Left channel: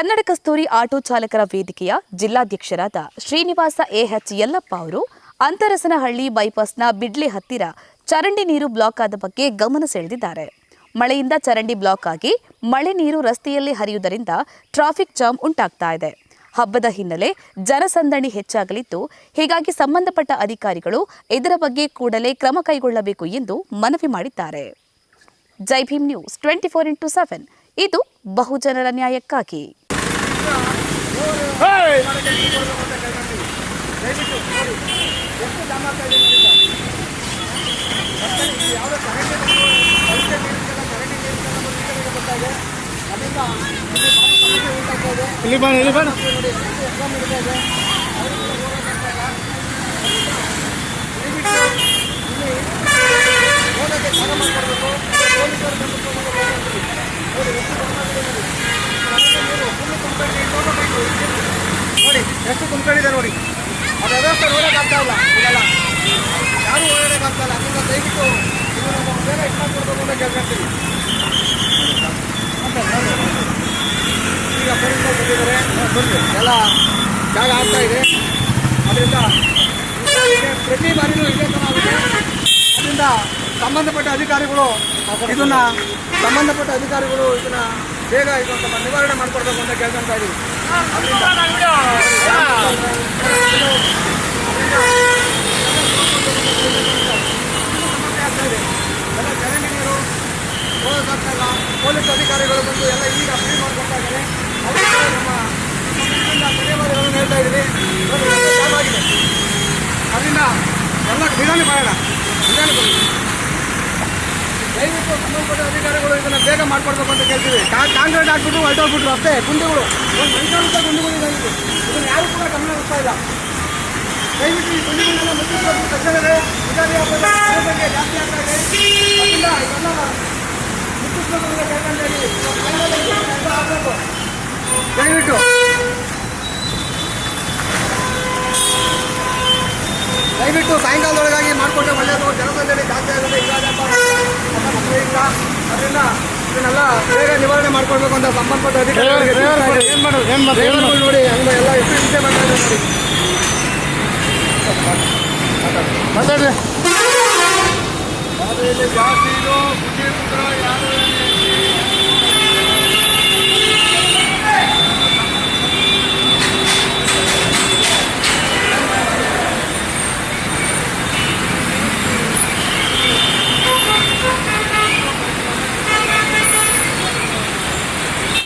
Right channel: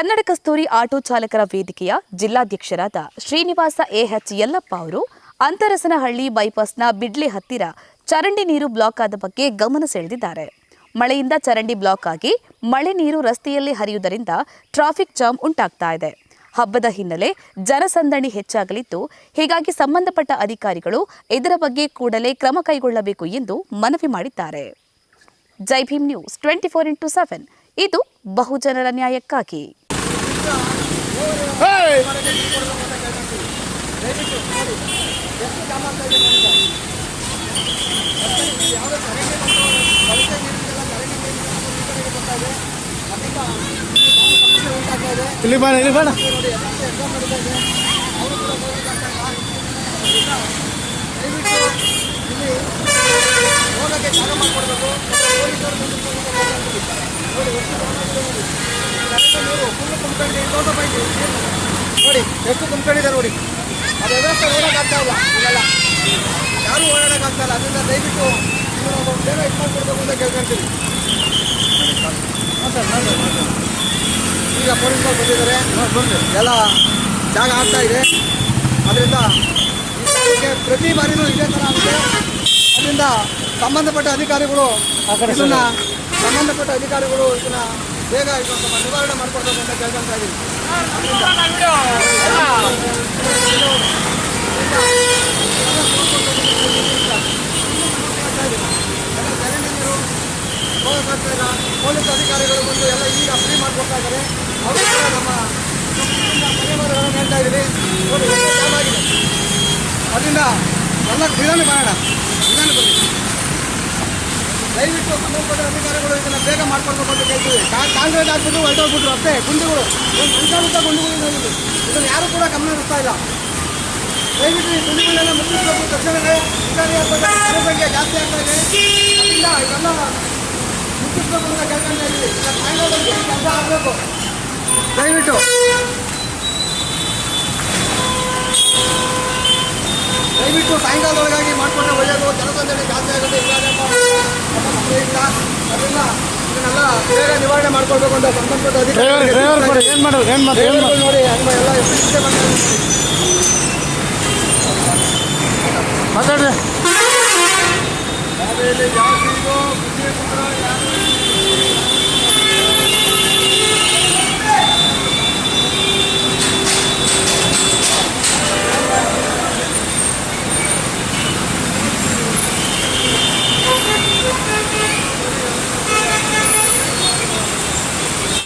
ಕನ್ನಡ ಕಸ್ತೂರಿ auto ಚಾಲಕರ ವೇದಿಕೆಯ ಜಿಲ್ಲಾಧ್ಯಕ್ಷರಾದ Srinivasa AH Yallappa ಅವರು ಅಂತರಸನಹಳ್ಳಿ ಬೈಪಾಸ್ನ ಬಿಡ್ಲೆ ಹತ್ತಿರ ಚರಂಡಿ ನೀರು ಬ್ಲಾಕ್ ಆದ ಬಗ್ಗೆ ಗಮನ ಸೆಳೆದಿದ್ದಾರೆ. ಮಳೆಯಿಂದ ಚರಂಡಿ ಬ್ಲಾಕ್ ಆಗಿ ಮಳೆ ನೀರು ರಸ್ತೆಯಲ್ಲಿ ಹರಿಯುವುದರಿಂದ ಟ್ರಾಫಿಕ್ ಜಾಮ್ ಉಂಟಾಗ್ತಾ ಇದೆ. ಹಬ್ಬದ ಹಿನ್ನೆಲೆ ಜನಸಂದಣಿ ಹೆಚ್ಚಾಗಲಿದ್ದು, ಹೀಗಾಗಿ ಸಂಬಂಧಪಟ್ಟ ಅಧಿಕಾರಿಗಳು ಇದರ ಬಗ್ಗೆ ಕೂಡಲೇ ಕ್ರಮ ಕೈಗೊಳ್ಳಬೇಕು ಎಂದು ಮನವಿ ಮಾಡಿದ್ದಾರೆ. ಜೈ ಭೀಮ್ ನ್ಯೂಸ್ 24x7 ಇದು ಬಹುಜನರ ನ್ಯಾಯಕ್ಕಾಗಿ. ನೋಡಿ ಎಷ್ಟು ತುಂಬಿಕೊಂಡಿದೆ ನೋಡಿ. ಅದು ವ್ಯವಸ್ಥೆ ನೋಡೋಕ್ಕಾಗ್ತಾ ಇಲ್ಲ, ಇಲ್ಲೆಲ್ಲ ಯಾರು ಓಡಾಡೋಕ್ಕಾಗ್ತಾ ಇಲ್ಲ. ಅದರಿಂದ ದಯವಿಟ್ಟು ಬೇಗ ಇಟ್ಕೊಡ್ಬೇಕು ಅಂತ ಕೇಳ್ಕೊಳ್ತೀವಿ. ಈಗ ಪೊಲೀಸರು ಬಂದಿದ್ದಾರೆ, ಎಲ್ಲ ಜಾಗ ಆಗ್ತಾ ಇದೆ. ಅದರಿಂದ ಪ್ರತಿ ಬಾರಿನೂ ಇದೇ ಥರ ಆಗಿದೆ. ಅದರಿಂದ ಸಂಬಂಧಪಟ್ಟ ಅಧಿಕಾರಿಗಳು ಇದನ್ನ ಬೇಗ ಇದನ್ನು ನಿವಾರಣೆ ಮಾಡಿಕೊಡ್ಬೇಕು ಅಂತ ಕೇಳ್ಕೊಳ್ತಾ ಇದ್ದೀವಿ. ಜನರು ಪೊಲೀಸ್ ಅಧಿಕಾರಿಗಳು ಬಂದು ಎಲ್ಲ ಈಗ ಫ್ರೀ ಮಾಡಿಕೊಡ್ತಾ ಇದ್ದಾರೆ. ಅವರು ಕೂಡ ನಮ್ಮ ಧನ್ಯವಾದಗಳನ್ನು ಹೇಳ್ತಾ ಇದ್ದೀವಿ. ಅದರಿಂದ ಎಲ್ಲ ಕ್ರೀಡಾನು ಮಾಡೋಣ. ದಯವಿಟ್ಟು ಸಂಬಂಧಪಟ್ಟ ಅಧಿಕಾರಿಗಳು ಇದನ್ನು ಬೇಗ ಮಾಡ್ಕೊಡ್ಬೇಕು ಅಂತ ಕೇಳ್ತೀವಿ. ಕಾಂಕ್ರೀಟ್ ಹಾಕ್ಬಿಟ್ಟು ಹೊರಟೋಗ್ಬಿಟ್ಟು ಅಷ್ಟೇ ಗುಂಡಿಗಳು, ಒಂದು ಮನುಷ್ಯಂತ ಗುಂಡಿಗಳು ಹೋಗಿದೆ. ಇದನ್ನು ಯಾರು ಕೂಡ ಗಮನ ಹರಿಸ್ತಾ ಇಲ್ಲ. ದಯವಿಟ್ಟು ಈ ಗುಂಡಿಗಳನ್ನ ಮುಚ್ಚಿಸಬೇಕು. ತಕ್ಷಣವೇ ಯುಗಾದಿ ಹಬ್ಬದ ಜನಸಂಖ್ಯೆ ಜಾಸ್ತಿ ಆಗ್ತಾ ಇದೆ. ಅದರಿಂದ ಇದೆಲ್ಲ ಮುಚ್ಚಿಸ್ಬೇಕು ಅಂತ ಕೇಳ್ಕೊಂತ ಇದ್ದೀವಿ. ಕೆಲಸ ಆಗಬೇಕು. ದಯವಿಟ್ಟು ಸಾಯಂಕಾಲದೊಳಗಾಗಿ ಮಾಡಿಕೊಂಡ್ರೆ ಒಳ್ಳೆಯದು. ಜನಸಂಖ್ಯೆ ಜಾಸ್ತಿ ಆಗುತ್ತೆ ಯುಗಾದಿ ಹಬ್ಬ ಮಕ್ಕಳಿಂದ. ಅದರಿಂದ ಇದನ್ನೆಲ್ಲ ಬೇಗ ನಿವಾರಣೆ ಮಾಡ್ಕೊಳ್ಬೇಕು ಅಂತ ಸಂಬಂಧಪಟ್ಟ ಅಧಿಕಾರಿಗಳು ನೋಡಿ. ಎಲ್ಲ ಎಷ್ಟು ನೋಡಿ ಮಾತಾಡ್ರಿ. ಜಾಸ್ತಿ ಇದು ಬುದ್ಧಿ ಪುತ್ರ